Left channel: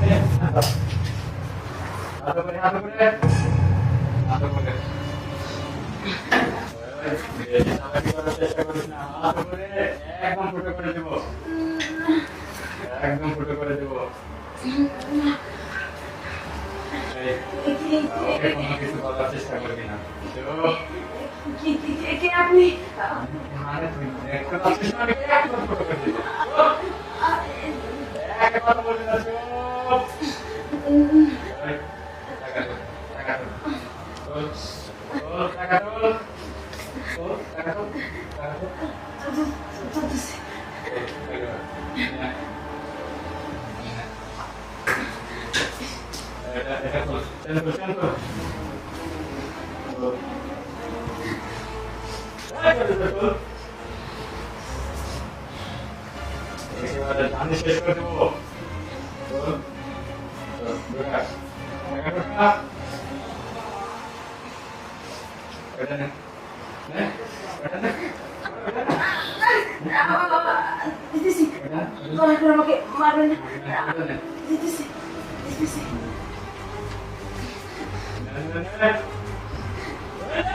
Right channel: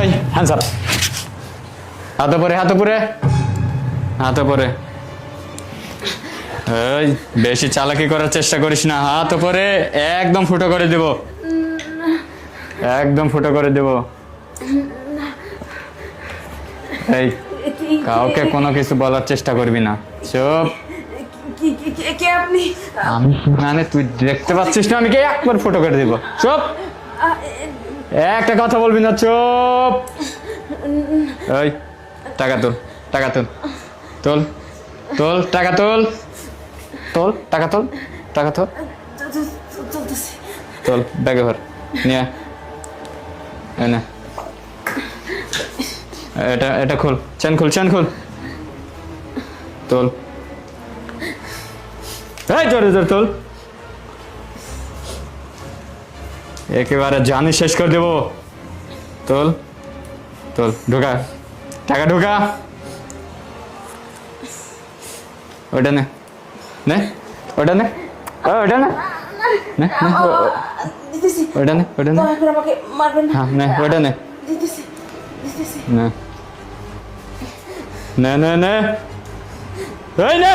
এই hands up, হাত উপরে, হাত উপরে, হাত উপরে। এই বেশি চালাকি করার চেষ্টা করিস না, হাত উপরে, একদম ফুটো করে দেব, একদম ফুটো করে দেব। এই কাউকে কোনো কিছু বলার চেষ্টা করবি না, চুপ। কে আপনি? আমি মানে তুই দেখতে পাচ্ছিস না আমি কে, একবার ফুটো করে দিব, চুপ। একটা কথা বলবি না, চুপ। এই টাকা তোল, টাকা তোল, তোল তোল, টাকা তোল, তোল টাকা তোল, টাকা তোল, তোল ব্যাগে ভর নিয়ে এনে। এটা এটা খোল, চেন খোল, চেন খোল, তোল। এই জোরে জোরে তোল, একেবারে জানি শেষ করে দেবো। তোল তোল, ঢোকা, টাকা ঢোকা। ওটা নে, নে ওটা নে, ওটা নে, নে ওটা নে, ওটা নে, আমাকে মারবেন না। হ্যাঁ নে ওটা নে, দিতেছি দিতেছি। নে নে নে নে, এই নে,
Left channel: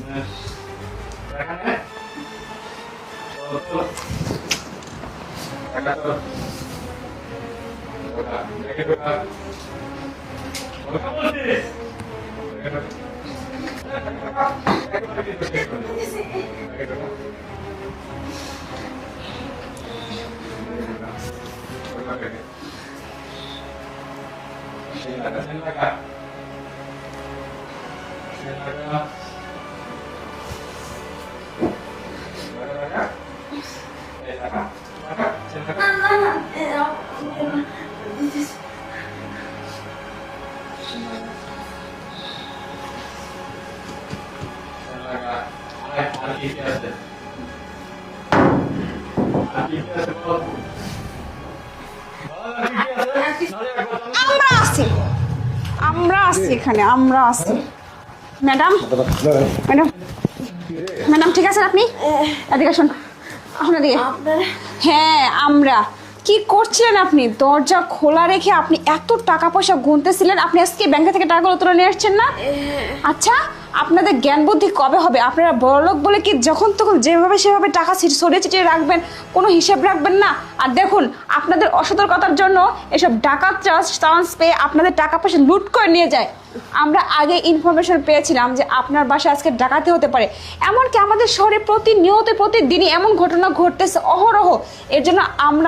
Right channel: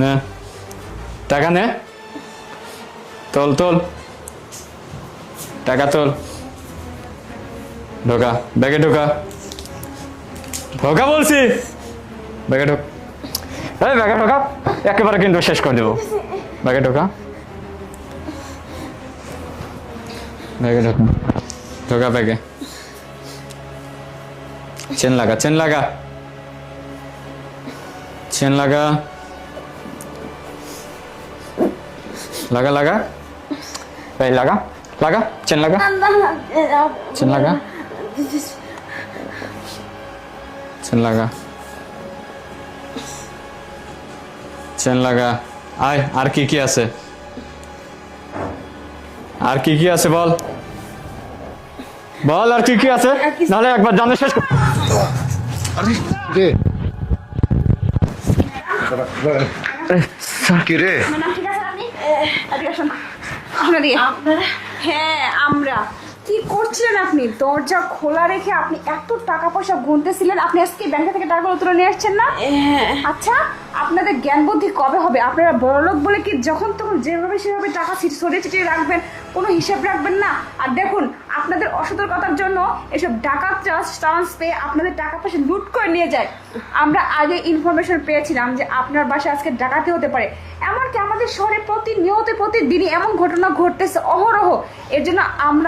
নে টাকা নে, তোল তোল, টাকা তোল, ঢোকা ব্যাগে, ঢোকা, ঢোকা বলছি, ব্যাগে ঢোক, এই ব্যাগে ঢোকা, একেবারে কিন্তু শেষ করে দেবো। ব্যাগে ঢোকা, ব্যাগে ঢোকা, ঢোকা ব্যাগে। চেন লাগা, চেন লাগা, চেন লাগা, লাগা লাগা, এই লাগা লাগা, চেন লাগা, চেন লাগা, চেন লাগা, চেন লাগা। আয়, আর কি কি আছে, আর কি কি আছে বল, বল আর কি কি আছে, নাহলে একবার জানে শেষ। আমরা আছি এখানে, আমরা আছি। ম্যাডাম, ম্যাডাম, কি রে? ম্যাডাম ঠিক আছেন আপনি? এদিকে আসুন। আপনারা দিয়ে। হ্যাঁ আমরা। কি করছিলেন আপনি? দরজা খোলা রেখে আপনি এত টাকা পয়সা গুনতেছিলেন, আপনি আজকে ব্যাংক থেকে টাকাগুলো তুলে নিয়ে আসছেন না? আচ্ছা, আপনাদের জ্ঞান বুদ্ধি কবে হবে? আপনারা বড়লোক বলে কি যখন তখন যেভাবে সেভাবে টাকা ছড়িয়ে ছিটিয়ে রাখবেন, কোনো হিসাব রাখবেন না? আর দেখুন, আপনাদের অসতর্কতার জন্য এসব ডাকাত চান্স পেয়ে আপনাদের টাকা পয়সা লুট করে নিয়ে যায়। আমরা আগে ইনফরমেশন পেয়েছিলাম যে আপনার বাসায় আজকে ডাকাতি হতে পারে, এমনকি আমাদের শহরে প্রতিনিয়ত প্রতিদিনই এমন ঘটনা ঘটতেছে অহরহ। এর জন্য আমরা